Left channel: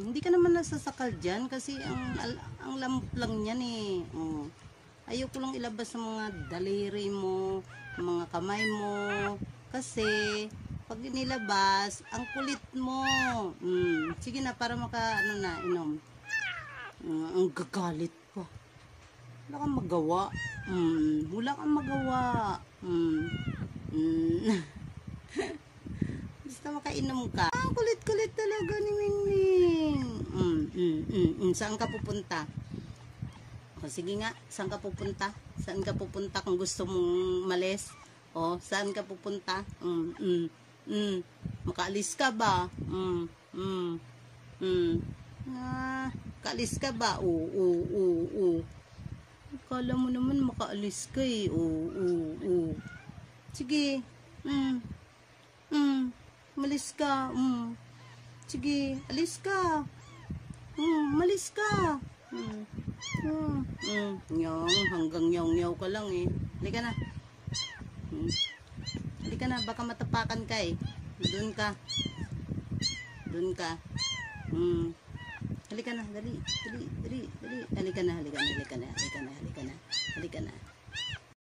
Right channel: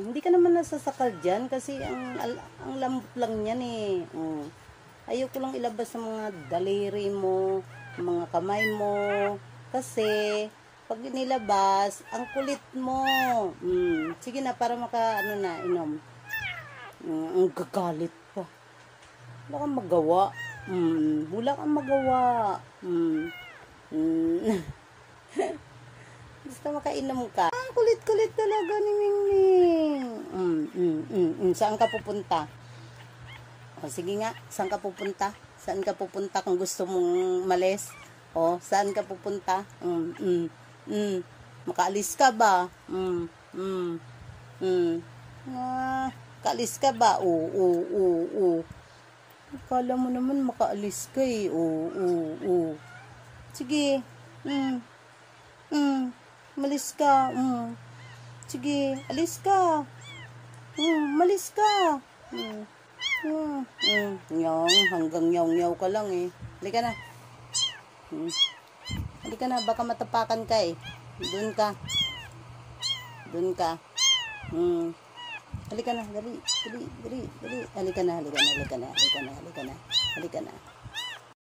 Hindi ka naman nasasakal dyan kasi ang lambot lang yan eh. Ayoko lang ilabas sa mga daliri mo, mga kamay mo. Kasi, pag nilabas, ang kulit mo. Sige na, para inom. Ang gagalit pa. Wala kang magawa. Wala kang magawa. Basta makainom ka. Ang kulit-kulit talaga ni Mingming. Saan ka pupunta? O, sige nga, saan ka pupunta? Saan ka pupunta kung gusto mong malis? O, saan ka pupunta? Makaalis ka ba? Kaalis ka ba? Oo. Akala mo naman makaalis ka eh. Oo. Sige. Malis ka. Sige, alis ka. Malis ka. Hanggang nyaw-nyaw ka lang eh. Halika na. Halika na, baka matapakan ka eh. Doon ka. Halika na, dali. Halika na.